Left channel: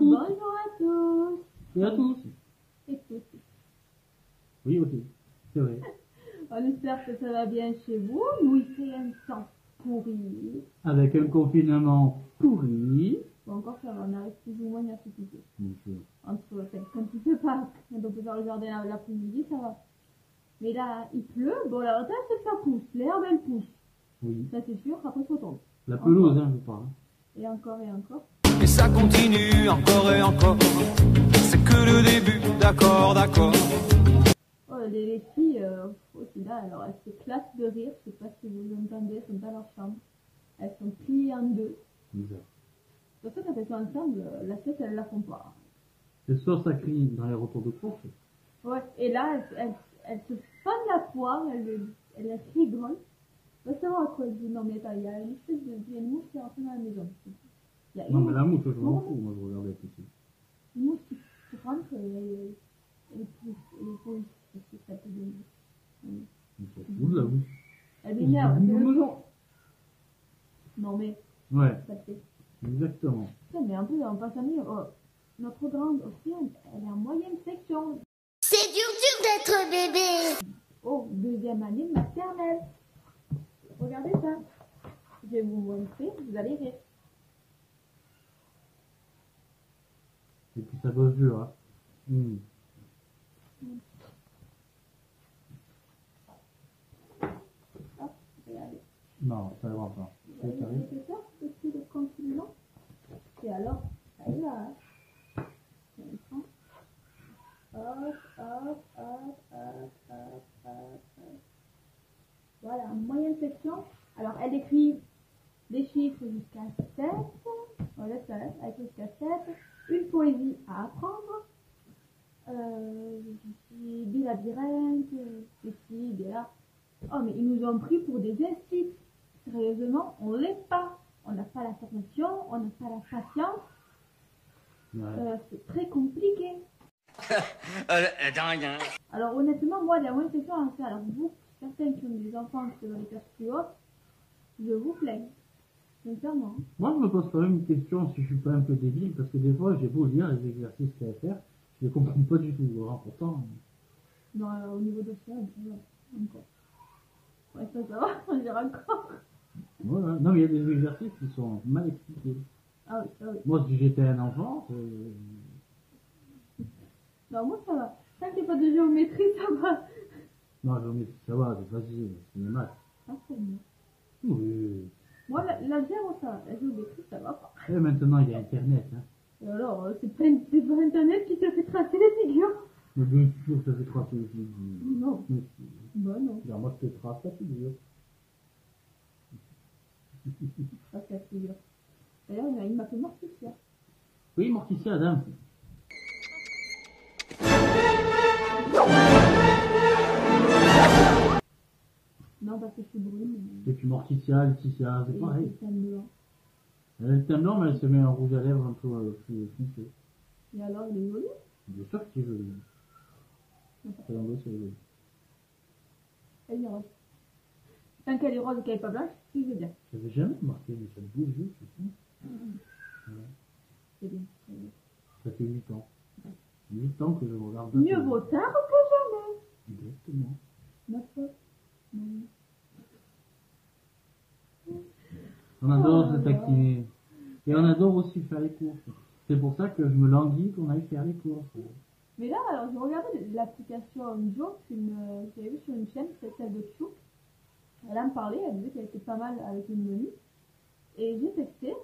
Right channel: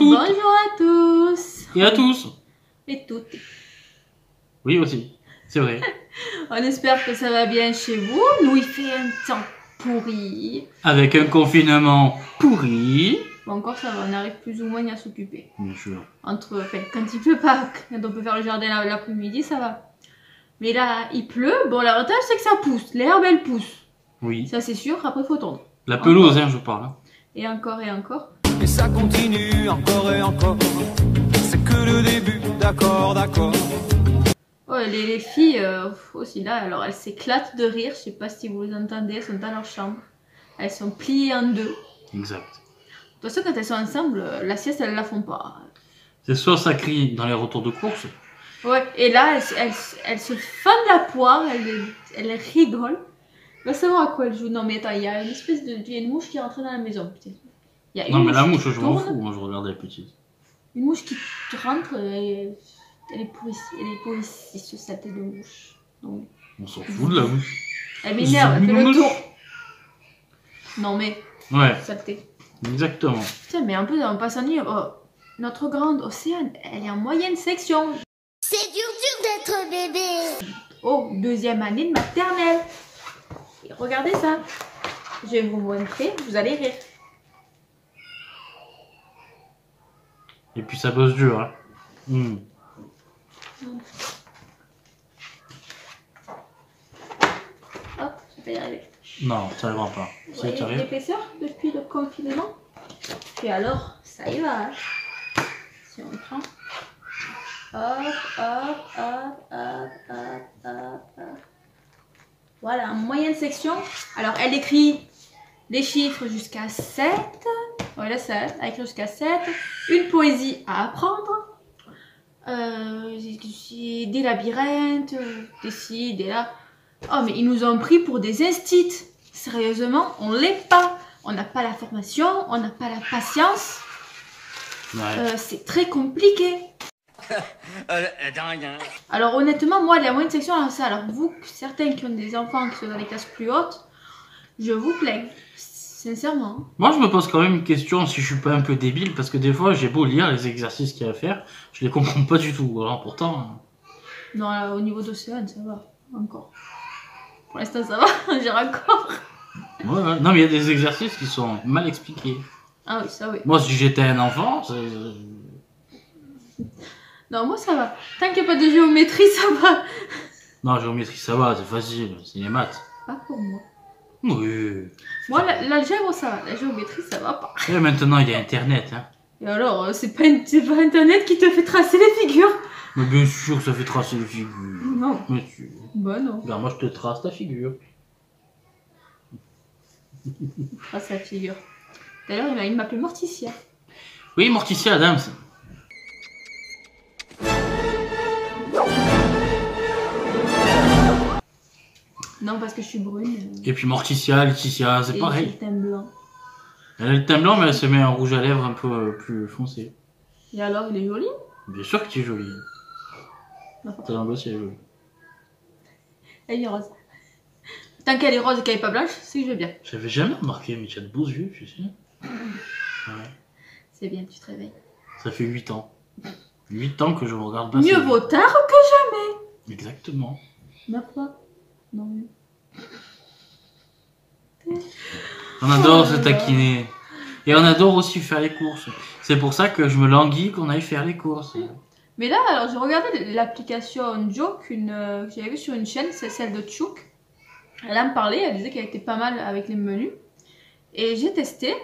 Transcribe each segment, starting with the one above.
toutes. Bonjour à tous. Et à tous. Et toutes. Oui aussi, c'est vrai. On espère que ça va bien chez vous. Nous, il fait un temps pourri. Avec un confinement pourri. Bon, encore ça va, on arrive plus ou moins à s'occuper. Bien sûr. Enfin, quand il pleut pas, quand on peut faire le jardin l'après-midi, ça va. Mais là, il pleut. Bon, l'avantage, c'est que ça pousse. L'herbe, elle pousse. Oui. Ça, c'est sûr. Après, il faut tondre. La pelouse, hein, je parle. Et encore et encore. Et ça continue encore et encore. C'est que le début, d'accord, d'accord. Oh, les filles aussi là, alors elles s'éclatent de rire. Je sais pas si vous les entendez, elles sont dans leur chambre. Elles sont pliées en deux. Exact. De toute façon, quand elles sont ensemble, la sieste, elles la font pas. C'est soit ça crie dans les retours de course. Ouais, et là, elles se fendent la poire, elles rigolent. Va savoir à quoi elles jouent. Non, mais attends, il y a une espèce de. Il y a une mouche qui est rentrée dans la maison. Il y a une Non, mais la mouche, qui je m'en tourne. fous. Moi, je regardais la petite. Une mouche qui rentre, elle est pour ici, ce saleté de mouche. Donc, On s'en fout de la mouche. elle m'énerve, elle fait le tour. Non, mais. Ouais, Saleté. exactement. Tiens, mais un peu, on passe en nuit. Oh, notre grande Océane, elle est en moyenne section. C'est dur d'être bébé. Oh, deuxième année de maternelle. Et regardez ça. Je vais vous montrer, vous allez rire. Et puis ça bosse dur, hein. Hop, je vais y arriver. Non, ça n'arrivera pas. Vous Si voyez tu arrives. l'épaisseur depuis le confinement? Et alors, ça y va. Hein. Si on prend. Hop, hop, hop, hop, hop, hop, hop. Voilà, moyenne section. Alors, elle écrit des chiffres jusqu'à 7. Voilà, ça, elle écrit jusqu'à 7. Une poésie à apprendre. Des labyrinthes, des ci, des là. Oh, mais ils nous ont pris pour des instits. Sérieusement, on l'est pas. On n'a pas la formation, on n'a pas la patience. Ouais. C'est très compliqué. Dingue, hein. Alors honnêtement, moi, la moyenne section, alors ça, alors vous, certains qui ont des enfants qui sont dans les classes plus hautes, je vous plains, sincèrement. Moi, je me pose quand même une question si je suis pas un peu débile, parce que des fois, j'ai beau lire les exercices qu'il y a à faire, je les comprends pas du tout. Alors pourtant. Non, là, au niveau d'Océane, ça va, encore. Pour l'instant, ça va, j'ai encore. Ouais, ouais. Non, mais il y a des exercices qui sont mal expliqués. Ah oui, ça oui. Moi, si j'étais un enfant, Non, moi, ça va. Tant qu'il n'y a pas de géométrie, ça va. non, géométrie, ça va, c'est facile, c'est les maths. Pas pour moi. Oui. Moi, l'algèbre, ça va. La géométrie, ça va pas. Et maintenant, il y a Internet, hein. Et alors, c'est pas Internet qui te fait tracer les figures. Mais bien sûr que ça fait tracer les figures. Non. Mais tu... Bah non. Regarde, moi, je te trace ta figure. Trace la figure. D'ailleurs, il m'appelait Morticia. Oui, Morticia Adams. Non, parce que je suis brune. Et puis Morticia, Laetitia, c'est Et pareil. j'ai le teint blanc. Elle a le teint blanc, mais elle se met un rouge à lèvres un peu plus foncé. Et alors, il est joli? Bien sûr que tu es jolie. Non. Ta langue aussi, elle est jolie. Elle est rose. Tant qu'elle est rose et qu'elle est pas blanche, c'est que je vais bien. J'avais jamais remarqué, mais tu as de beaux yeux, tu sais. Ouais. C'est bien, tu te réveilles. Ça fait 8 ans. 8 ans que je me regarde passer. Mieux vaut tard que Exactement. jamais. Ma foi. Non. On adore Oh se là là. taquiner. Et on adore aussi faire les courses. C'est pour ça que je me languis qu'on aille faire les courses. Mais là, alors j'ai regardé l'application Joke que j'avais vue sur une chaîne, c'est celle de Chouk. Elle en parlait, elle disait qu'elle était pas mal avec les menus. Et j'ai testé.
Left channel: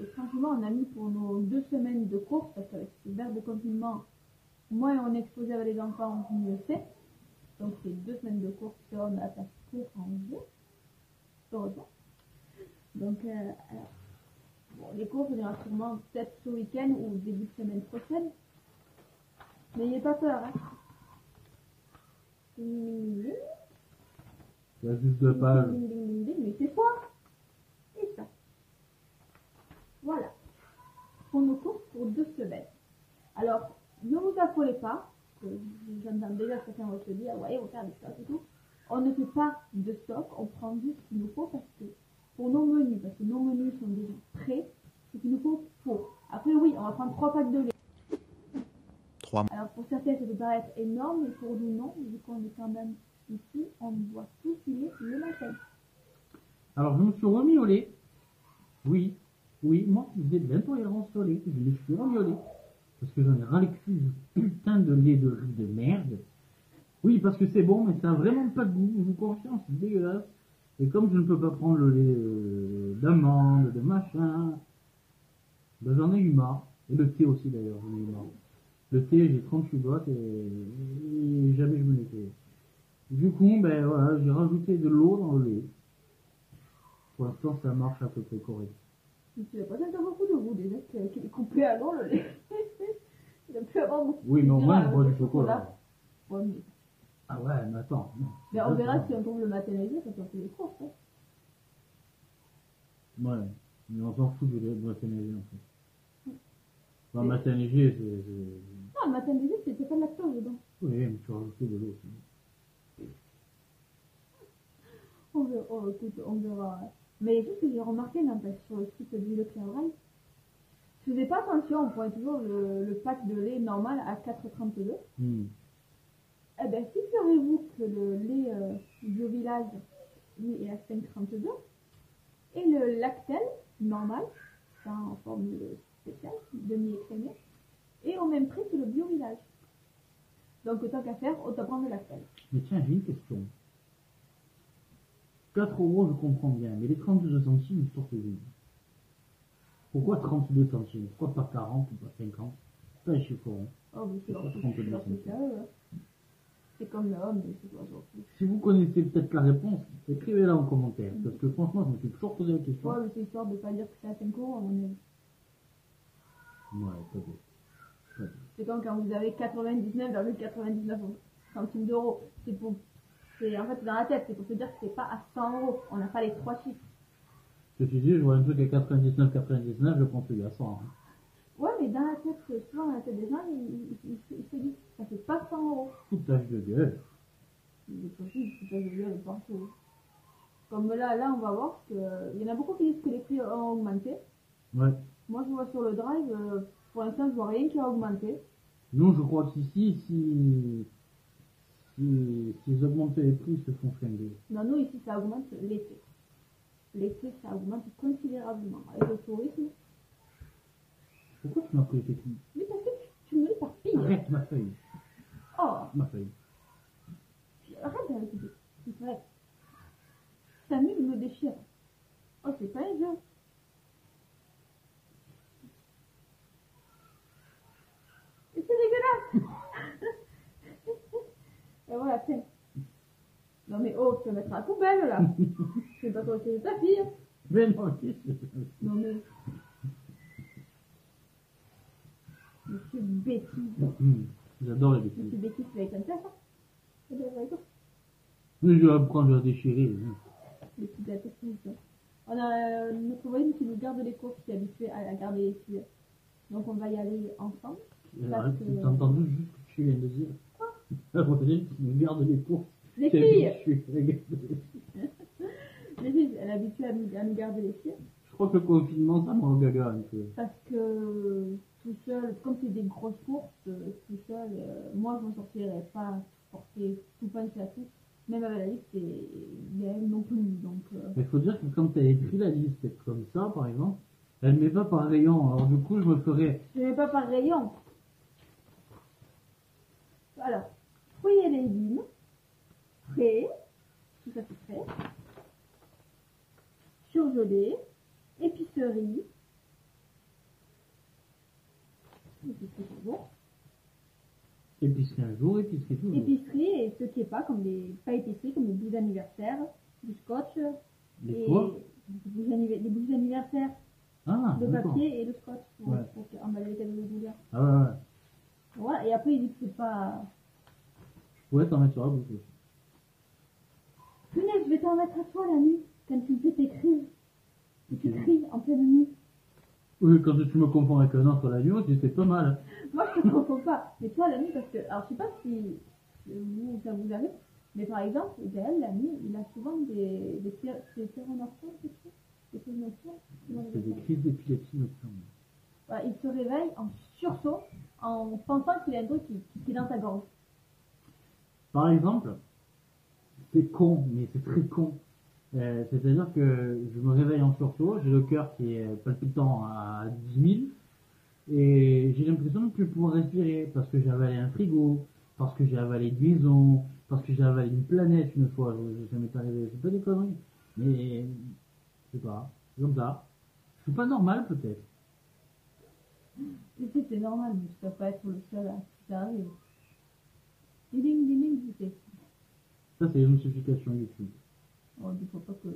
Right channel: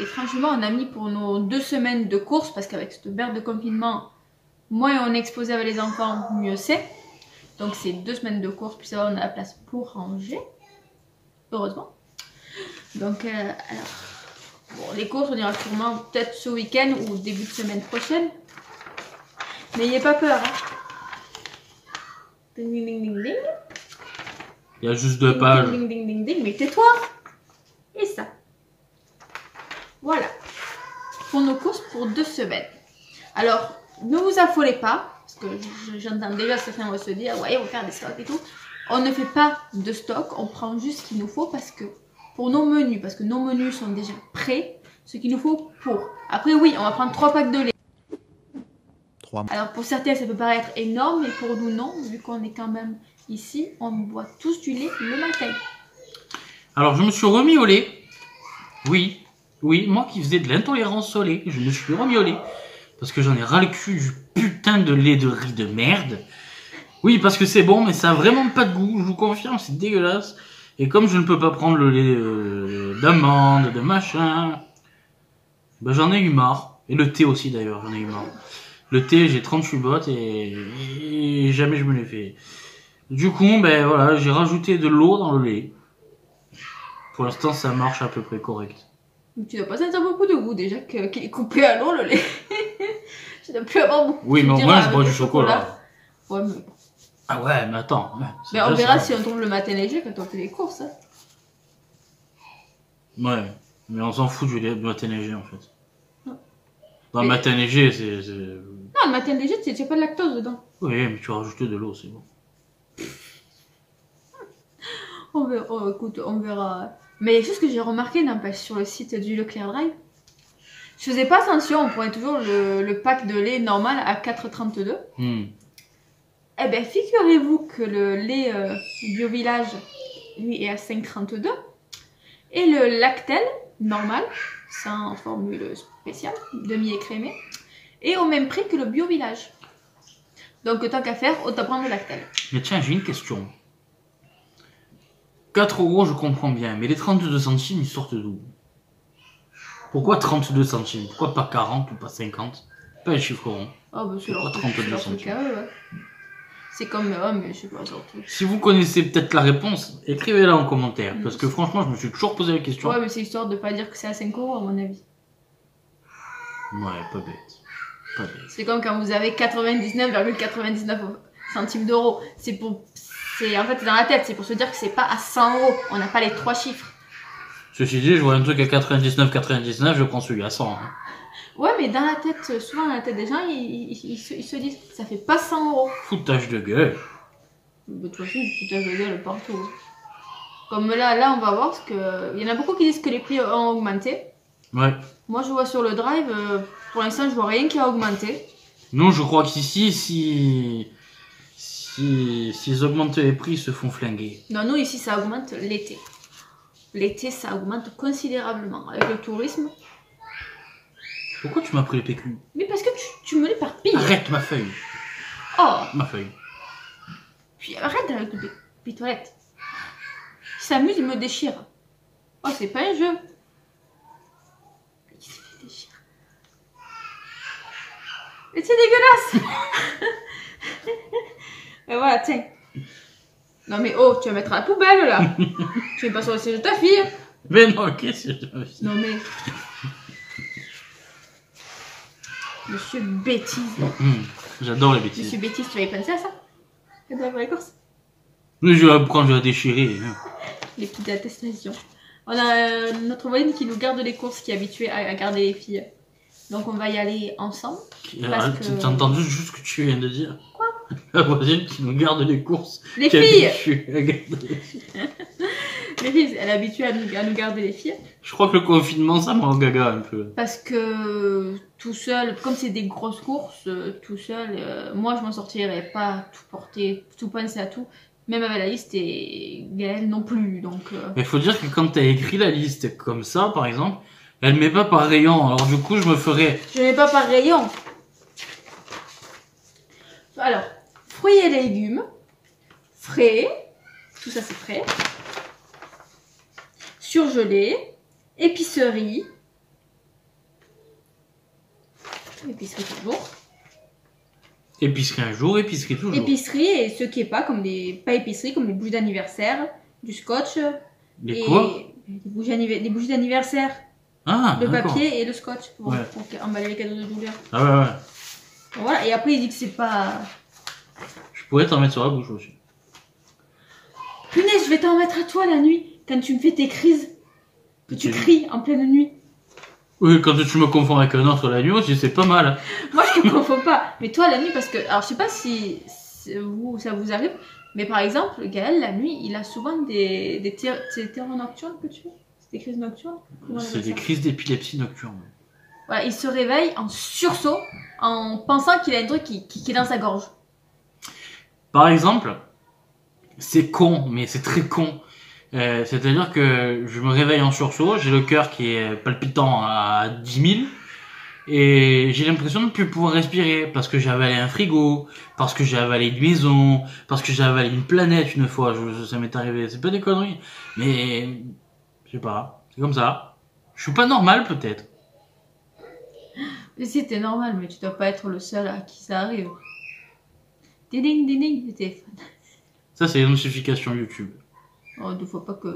Et franchement, on a mis pour nos 2 semaines de courses, parce qu'avec cette merde de confinement, moins on est exposé avec les enfants, mieux c'est. Donc c'est 2 semaines de courses, puis ça va, on a la place pour ranger. Heureusement. Donc, alors, bon, les courses, on ira sûrement peut-être ce week-end ou début de semaine prochaine. N'ayez pas peur. Hein. Ding, ding, ding, ding, ding. Il y a juste 2 Ding, pages. ding, ding, ding, ding. Mais tais-toi. Et ça. Voilà. Pour nos courses pour 2 semaines. Alors, ne vous affolez pas. Parce que j'entends déjà certains vont se dire, ouais, on va faire des stocks et tout. On ne fait pas de stock. On prend juste ce qu'il nous faut parce que pour nos menus, parce que nos menus sont déjà prêts, ce qu'il nous faut pour. Après oui, on va prendre 3 packs de lait. 3. Alors pour certains ça peut paraître énorme, mais pour nous non, vu qu'on est quand même ici, on boit tous du lait le matin. Alors je me suis remis au lait. Oui, moi qui faisais de l'intolérance au lait, je me suis remis au lait. Parce que j'en ai ras le cul du putain de lait de riz de merde. Oui, parce que c'est bon, mais ça a vraiment pas de goût, je vous confirme, c'est dégueulasse. Et comme je ne peux pas prendre le lait d'amande, de machin, ben j'en ai eu marre. Et le thé aussi d'ailleurs, j'en ai eu marre. Le thé, j'ai 38 bottes et jamais je me l'ai fait. Du coup, ben voilà, j'ai rajouté de l'eau dans le lait. Pour l'instant, ça marche à peu près correct. Tu dois pas sentir beaucoup de goût déjà qu'il est coupé à l'eau le lait. Tu dois plus avoir beaucoup. Oui, mais au moins, je bois du chocolat. chocolat. Ouais, mais... Ah ouais, mais attends. c'est Mais on déjà verra ça. si on tombe le matin léger quand on fait les courses. Hein. Ouais, mais on s'en fout du lait de matin léger en fait. Ouais. Dans le Mais- matin léger, c'est... Non, le matin léger, tu n'as pas de lactose dedans. Oui, mais tu rajoutes de l'eau, c'est bon. On verra, oh, écoute, on verra. Mais il y a quelque chose que j'ai remarqué, n'empêche, sur le site du Leclerc Drive. Je faisais pas attention, on prenait toujours le pack de lait normal à 4,32. Eh bien, figurez-vous que le lait Bio Village, lui, est à 5,32. Et le Lactel, normal, sans formule spéciale, demi-écrémé, est au même prix que le Bio Village. Donc, tant qu'à faire, autant prendre le Lactel. Mais tiens, j'ai une question. 4 euros, je comprends bien, mais les 32 centimes, ils sortent d'où? Pourquoi 32 centimes? Pourquoi pas 40 ou pas 50? Pas les chiffres ronds. Oh, bah, c'est leur, Pourquoi 32 c'est leur truc centimes? à eux, ouais. C'est comme, oh, mais je sais pas, surtout. Si vous connaissez peut-être la réponse, écrivez-la en commentaire. Parce que franchement, je me suis toujours posé la question. Ouais, mais c'est histoire de pas dire que c'est à 5 euros, à mon avis. Ouais, pas bête. Pas bête. C'est comme quand vous avez 99,99 centimes d'euros. C'est pour. C'est en fait c'est dans la tête, c'est pour se dire que c'est pas à 100 euros. On n'a pas les 3 chiffres. Ceci dit, je vois un truc à 99,99, je prends celui à 100. Hein. Ouais, mais dans la tête, souvent dans la tête des gens, ils se disent ça fait pas 100 euros. Foutage de gueule. De toute façon, du foutage de gueule partout. Comme là, on va voir parce que. Il y en a beaucoup qui disent que les prix ont augmenté. Ouais. Moi, je vois sur le drive, pour l'instant, je vois rien qui a augmenté. Non, je crois qu'ici, s'ils augmentent les prix, ils se font flinguer. Non, nous ici, ça augmente l'été. L'été, ça augmente considérablement. Avec le tourisme. Pourquoi tu m'as pris le PQ? Mais parce que tu me l'éparpilles. Arrête ma feuille. Oh, Ma feuille. puis arrête avec les toilettes. Il s'amuse, il me déchire. Oh, c'est pas un jeu. Il s'est fait déchirer. Mais c'est dégueulasse. Et voilà, tiens. Non mais oh, tu vas mettre à la poubelle là. Tu mets pas sur le siège de ta fille. Mais non, qu'est-ce que j'ai fait? Non mais... Monsieur Bêtise. J'adore les Monsieur bêtises. Bêtise, tu avais pensé à ça? Quand tu vas les courses? Mais je vais apprendre, je vais la déchirer. hein. Les petites attestations. On a notre voisine qui nous garde les courses, qui est habituée à garder les filles. Donc on va y aller ensemble. Parce Arrête, que- T'as entendu juste ce que tu viens de dire? Quoi? La voisine qui nous garde les courses. Les qui est filles habituée à garder les filles. Les filles, elle est habituée à nous garder les filles. Je crois que le confinement, ça m'a gaga un peu. Parce que tout seul, comme c'est des grosses courses, tout seul, moi je m'en sortirais pas tout porter, tout penser à tout. Même avec la liste et Gaëlle non plus. Donc, Mais faut dire que quand t'as écrit la liste comme ça, par exemple, elle met pas par rayon. Alors du coup, je me ferais... je mets pas par rayon. Alors, fruits et légumes, frais, tout ça c'est frais, surgelé, épicerie toujours, Épicerie un jour, épicerie toujours. épicerie et ce qui est pas comme pas épicerie comme les bougies d'anniversaire, du scotch Les et quoi? les bougies d'anniversaire, Ah, le d'accord. papier et le scotch pour Ouais. emballer les cadeaux de douleur. Ah ouais, ouais. Voilà, et après il dit que c'est pas... Je pourrais t'en mettre sur la bouche aussi. Punaise, je vais t'en mettre à toi la nuit, quand tu me fais tes crises, que tu Ok. cries en pleine nuit. Oui, quand tu me confonds avec un autre la nuit aussi, c'est pas mal. Moi je te confonds pas, mais toi la nuit, parce que... Alors je sais pas si ça vous arrive, mais par exemple, Gaël la nuit, il a souvent des terreurs nocturnes que tu fais. C'est des crises nocturnes? Comment on C'est appelle des ça? crises d'épilepsie nocturne. Voilà, il se réveille en sursaut en pensant qu'il a un truc qui est dans sa gorge. Par exemple, c'est con, mais c'est très con. C'est-à-dire que je me réveille en sursaut, j'ai le cœur qui est palpitant à 10 000 et j'ai l'impression de ne plus pouvoir respirer parce que j'ai avalé un frigo, parce que j'ai avalé une maison, parce que j'ai avalé une planète une fois. Ça m'est arrivé, c'est pas des conneries, mais je sais pas, c'est comme ça. Je suis pas normal peut-être. Mais si, t'es normal, mais tu dois pas être le seul à qui ça arrive. Ding ding ding, le téléphone. Ça c'est une notification YouTube. Oh, deux fois pas que.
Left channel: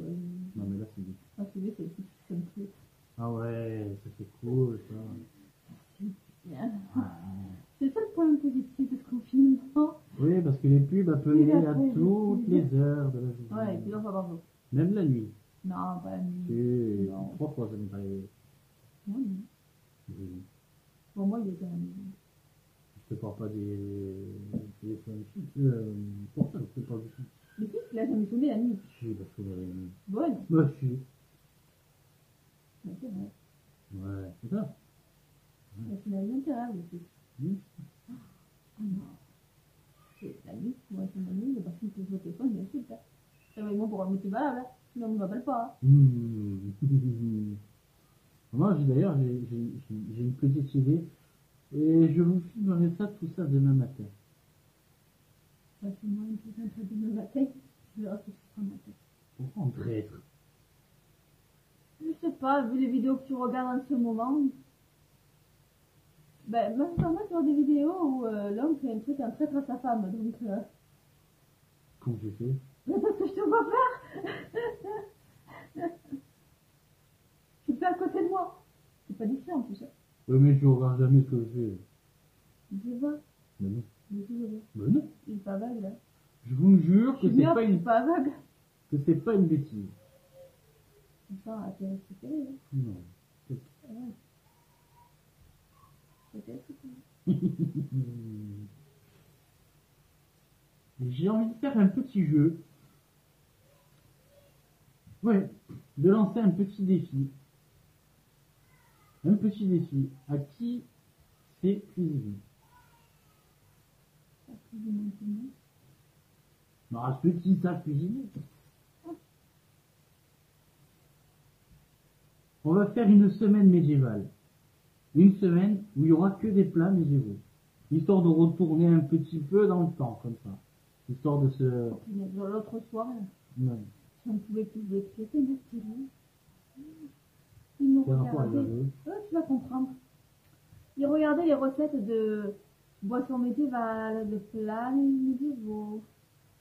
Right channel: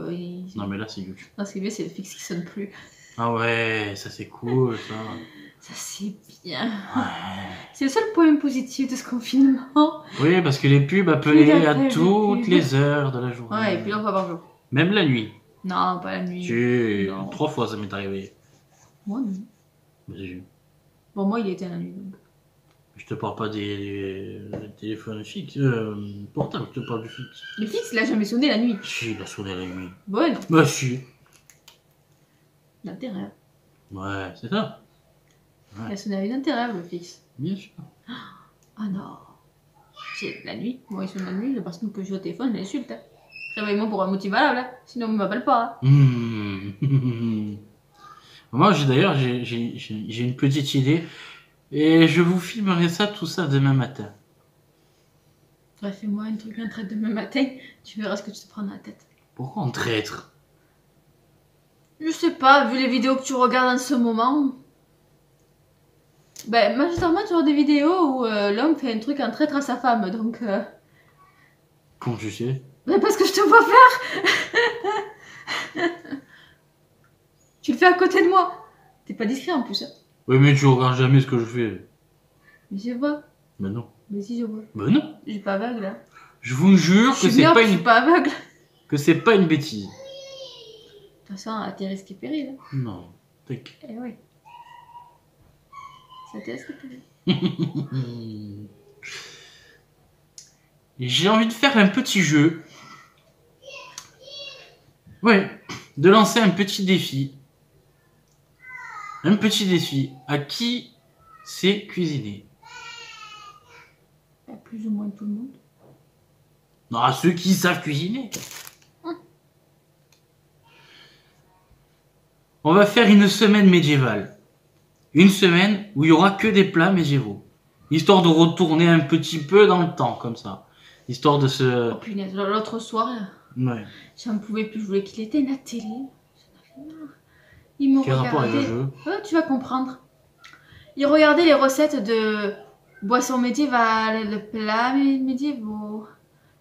Non mais là c'est YouTube. Non, ce qui est bien, c'est le fixe qui sonne plus. Ah ouais, ça c'est cool ça. Ça, c'est bien. Ouais. C'est le seul point positif de ce confinement. Oui, parce que les pubs appelaient à d'appels, les toutes pubs. les heures de la journée. Ouais, et puis une fois par jour. Même la nuit. Non, pas la nuit. Non. 3 fois ça m'est arrivé. Moi, non. Vas-y. Bon, moi, il était la nuit. Donc. Je te parle pas des téléphones fixes, portables, je te parle du fixe. Le fixe, il a jamais sonné la nuit. Si, il a sonné la nuit. Bon, non. Bah si. L'intérêt. Ouais, c'est ça. Il a sonné avec l'intérêt, le fixe. Bien sûr. Ah non. C'est la nuit. Moi, il sonne la nuit, la personne que je joue au téléphone, je l'insulte. Hein. Réveille-moi pour un motif valable, hein. Sinon, on ne m'appelle pas. Hein. Moi, d'ailleurs, j'ai une petite idée. Et je vous filmerai ça, tout ça, demain matin. Ouais, fais-moi un truc, un trait demain matin. Tu verras ce que tu te prends dans la tête. Pourquoi on traître? Je sais pas, vu les vidéos que tu regardes en ce moment. Ben, majoritairement, tu vois des vidéos où l'homme fait un truc en traître à sa femme, donc. Comment tu sais? Ben, parce que je te vois faire. Tu le fais à côté de moi. T'es pas discret en plus. Hein. Oui, mais tu regardes jamais ce que je fais. Mais je vois. Ben non. Mais si, je vois. Ben non. Je suis pas aveugle. Hein. Je vous jure Je que suis c'est myope, pas je suis une pas aveugle. que c'est pas une bêtise. De toute façon, à tes risques et périls. Hein. Non. T'inquiète. Eh oui. Ça tes risques et périls. J'ai envie de faire un petit jeu. Ouais, de lancer un petit défi. Un petit défi. À qui sait cuisiner? Pas plus ou moins tout le monde. Non, à ceux qui savent cuisiner. On va faire une semaine médiévale. Une semaine où il y aura que des plats médiévaux. Histoire de retourner un petit peu dans le temps, comme ça. Histoire de se... Oh punaise, l'autre soir, Ouais. j'en pouvais plus, je voulais qu'il éteigne la télé. J'en avais marre. Il me Quel rapport avec le regardait. jeu? Oh, tu vas comprendre. Il regardait les recettes de boissons médiévales, de plats médiévaux.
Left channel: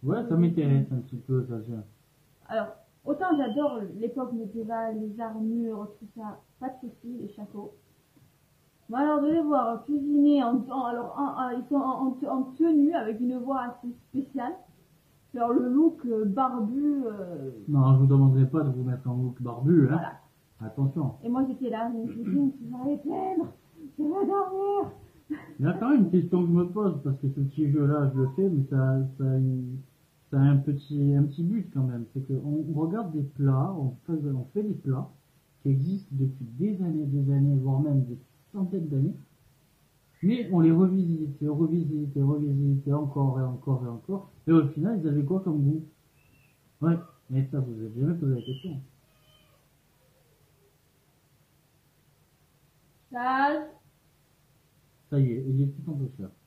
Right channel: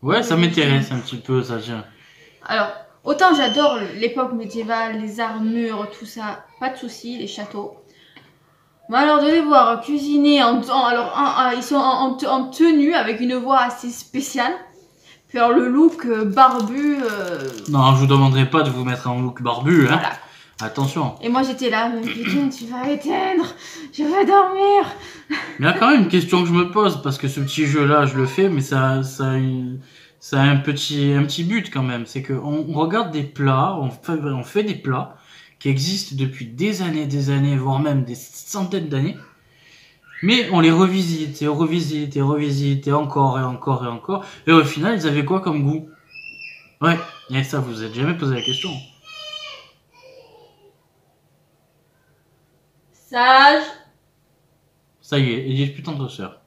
Ouais, ça m'intéresse un petit peu, ça, tiens. Alors, autant j'adore l'époque médiévale, les armures, tout ça, pas de soucis, les châteaux. Mais alors de les voir cuisiner ils sont en tenue avec une voix assez spéciale. Puis alors le look barbu. Non, je vous demanderai pas de vous mettre en look barbu, hein. Voilà. Attention. Et moi j'étais là, mais putain, tu vas éteindre, je veux dormir. Il y a quand même une question que je me pose, parce que ce petit jeu-là, je le fais, mais ça a un petit but quand même. C'est qu'on regarde des plats, on fait des plats qui existent depuis des années, voire même des centaines d'années. Mais on les revisite, et on revisite, et revisite, et encore, et encore, et encore. Et au final, ils avaient quoi comme goût? Ouais, et ça, vous vous êtes jamais posé la question. Sage. Ça y est, Edith, putain de sœur.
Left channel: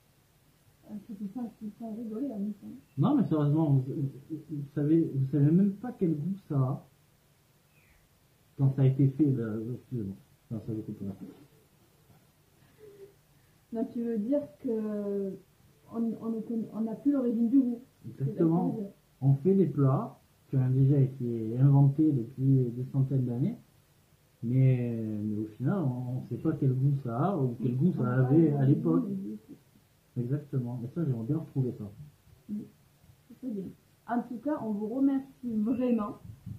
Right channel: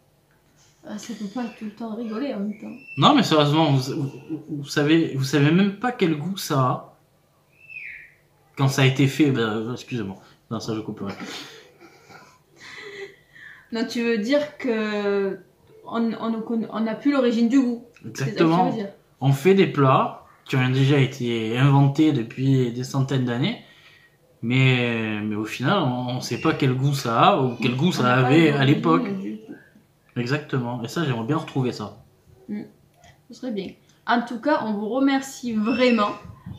Ça peut pas tout le temps rigoler en même temps. Non, mais sérieusement, vous savez même pas quel goût ça a quand ça a été fait. Excusez-moi. Non, ça je couperai. Non, tu veux dire que on n'a plus l'origine du goût. C'est ça que tu Exactement. veux dire. On fait des plats qui ont déjà été inventés depuis des centaines d'années, mais au final, on ne sait pas quel goût ça a ou quel goût On ça n'a pas avait à l'origine l'époque. du goût. Exactement. Et ça, j'aimerais bien retrouver ça. Ce serait bien. En tout cas, on vous remercie vraiment.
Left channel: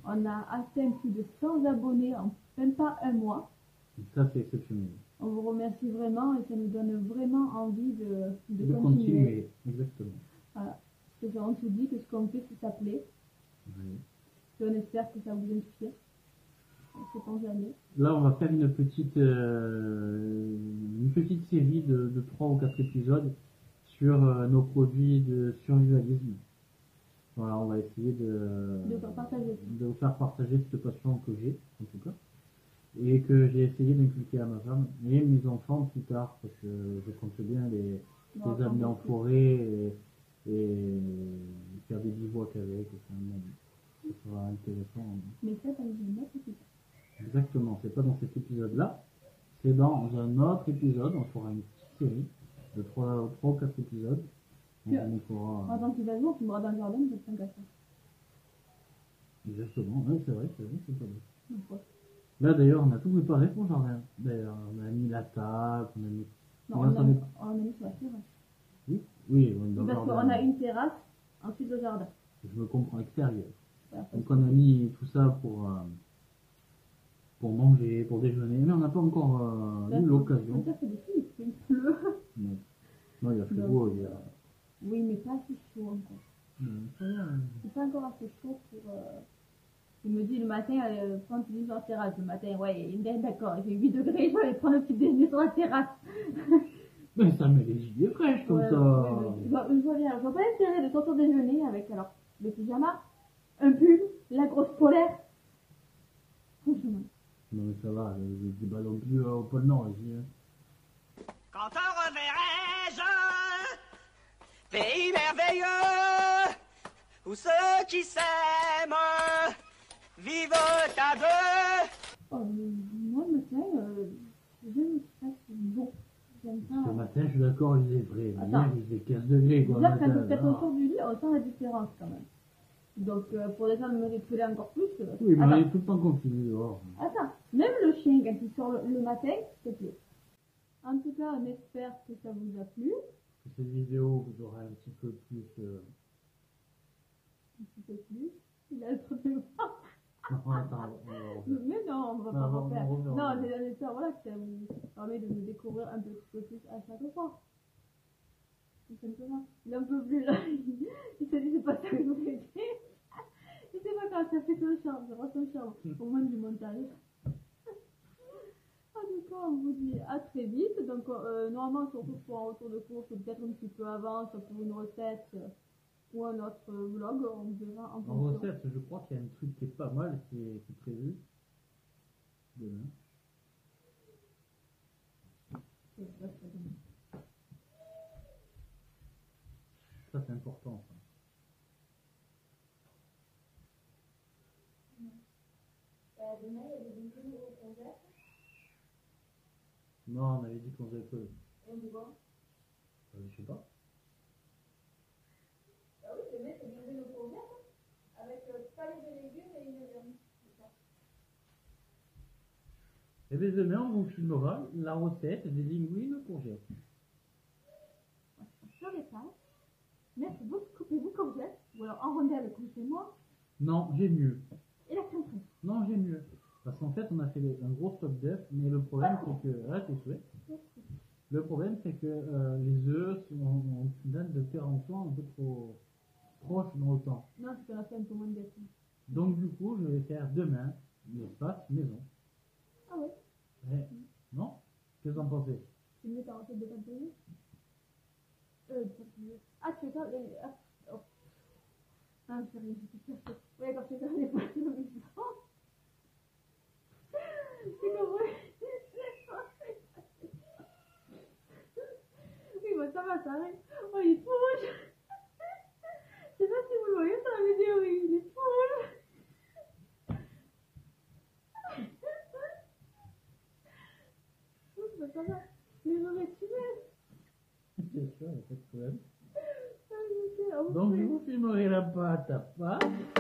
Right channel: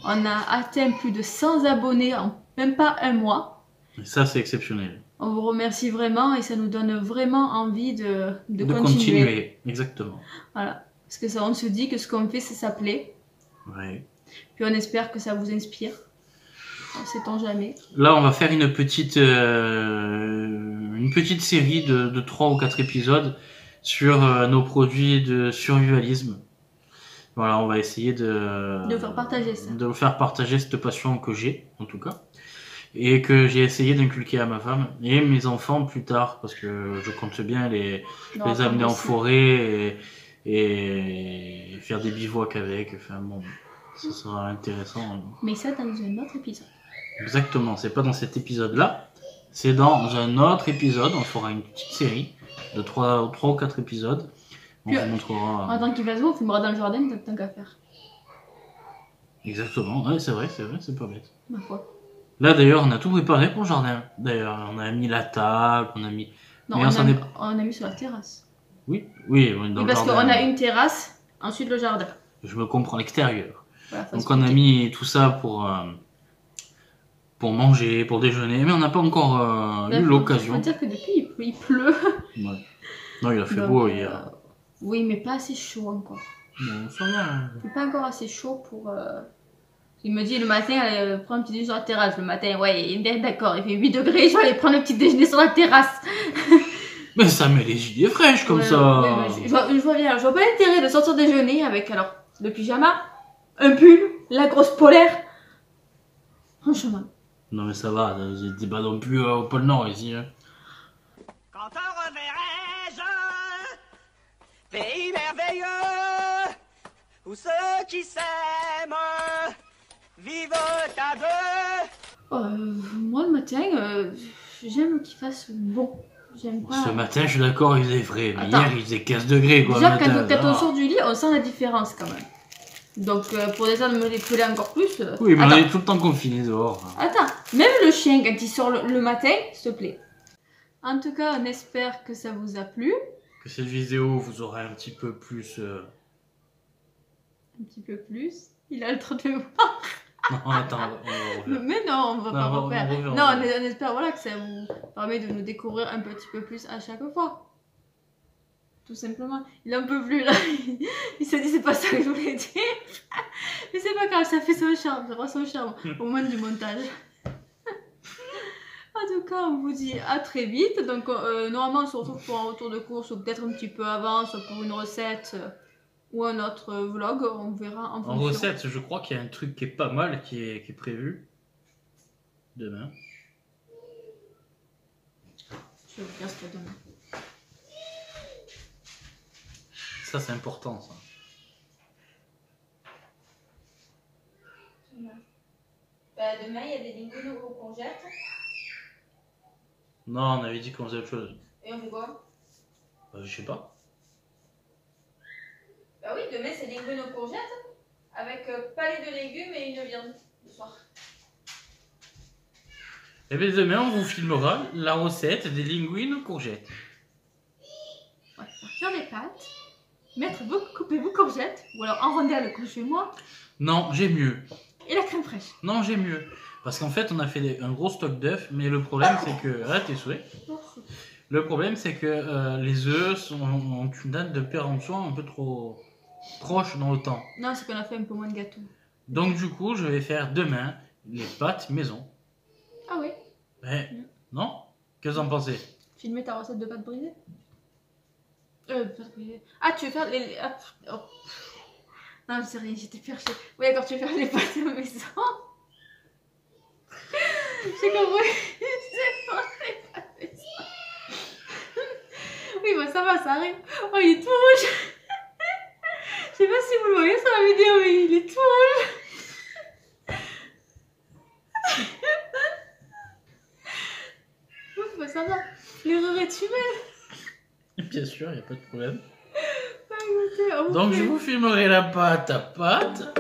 On a atteint plus de 100 abonnés en même pas un mois. Et ça, c'est exceptionnel. On vous remercie vraiment et ça nous donne vraiment envie de De continuer. continuer. Exactement. Voilà. Parce que ça, on se dit que ce qu'on fait, ça plaît. Ouais. Puis on espère que ça vous inspire. Sait-on jamais. Là, on va faire une petite série de 3 ou 4 épisodes sur nos produits de survivalisme. Voilà, on va essayer de vous faire partager ça. De vous faire partager cette passion que j'ai, en tout cas. Et que j'ai essayé d'inculquer à ma femme et mes enfants plus tard, parce que je compte bien les amener en forêt et faire des bivouacs avec. Enfin bon, ça sera intéressant. Mais ça dans un autre épisode. Exactement, c'est pas dans cet épisode-là, c'est dans un autre épisode. On fera une petite série de 3 ou 4 épisodes. On Puis, vous montrera. En tant qu'il va se voir, on filmera dans le jardin, tant qu'à faire. Exactement, ouais, c'est vrai, c'est pas bête. Ma foi. Là d'ailleurs, on a tout préparé pour le jardin. D'ailleurs, on a mis la table, on a mis. Non, Mais on a mis sur la terrasse. Oui, dans Oui, le parce jardin. qu'on a une terrasse, ensuite le jardin. Je me comprends, l'extérieur. Voilà, faut Donc on a expliquer. mis tout ça pour manger, pour déjeuner, mais on n'a pas encore Là, eu faut l'occasion. dire que depuis, il pleut. Ouais. Non, il a fait Donc, beau hier. Oui, mais pas assez chaud encore. Bon, ça va. C'est pas encore assez chaud pour... Il me dit le matin, allez, prends un petit déjeuner sur la terrasse. Le matin, ouais, il est d'accord, il fait 8 degrés, je vais aller prendre le petit déjeuner sur la terrasse. Mais ça met les idées fraîches comme Ouais, ça. ouais, je vois bien, je vois pas l'intérêt de sortir déjeuner avec alors le pyjama, un pull, la grosse polaire. Franchement. Non mais ça va, t'es pas non plus au pôle Nord ici. Hein. Quand te reverrai-je, pays merveilleux, où ceux qui s'aiment vivent à deux. Moi le matin, j'aime qu'il fasse beau. J'aime pas. Ce matin, je suis d'accord, il faisait frais. Mais Attends. hier, il faisait 15 degrés quoi. Déjà, le matin, quand on là. sort du lit, on sent la différence quand même. Donc, pour déjà de me les peler encore plus. Oui, mais on Attends. est tout le temps confinés dehors. Attends, même le chien, quand il sort le matin, s'il te plaît. En tout cas, on espère que ça vous a plu. Que cette vidéo vous aura un petit peu plus. Un petit peu plus. Il a le trop de... Non, attends, on va refaire. Mais non, on va pas Non, refaire. on va refaire, Non, on va on espère voilà, que ça vous permet de nous découvrir un petit peu plus à chaque fois. Tout simplement. Il en peut plus là. Il se dit c'est pas ça que je voulais dire. Mais c'est pas grave, ça fait son charme. Ça fera son charme au moment du montage. En tout cas, on vous dit à très vite. Donc, normalement, on se retrouve pour un retour de course ou peut-être un petit peu avant, soit pour une recette ou un autre vlog. On verra en En fonction. recette, je crois qu'il y a un truc qui est pas mal qui est prévu demain. Je vais vous dire ce qu'il y a demain. Ça, c'est important, ça. Demain, il y a des linguines aux courgettes. Non, on avait dit qu'on faisait autre chose. Et on fait quoi? Je sais pas. Bah oui, demain c'est linguines aux courgettes avec palais de légumes et une viande le soir. Et bien demain, on vous filmera la recette des linguines aux courgettes. On va faire des pâtes, couper vos courgettes ou alors en rondelles comme chez moi Non, j'ai mieux. et la crème fraîche. Non, j'ai mieux. Parce qu'en fait, on a fait un gros stock d'œufs, mais le problème, c'est que... Ah, tes souhaits. Le problème, c'est que les œufs ont une date de péremption un peu trop proche dans le temps. Non, c'est qu'on a fait un peu moins de gâteau. Donc du coup, je vais faire demain les pâtes maison. Ah oui, Non? Qu'est-ce que vous en pensez? filmer ta recette de pâtes brisées. Pâtes brisées. Ah, tu veux faire les... Ah, oh. Non, c'est rien, j'étais perchée. Oui, d'accord, tu veux faire les pâtes à la maison. J'ai compris. C'est pour les pâtes maison. Oui, bah ça va, ça arrive. Oh, il est tout rouge. Je sais pas si vous le voyez sur la vidéo, mais il est tout rouge. Oui, bah ça va. L'erreur est humaine. Bien sûr, il n'y a pas de problème. Ah, écoutez, on vous Donc fait- je vous filmerai la pâte à pâte.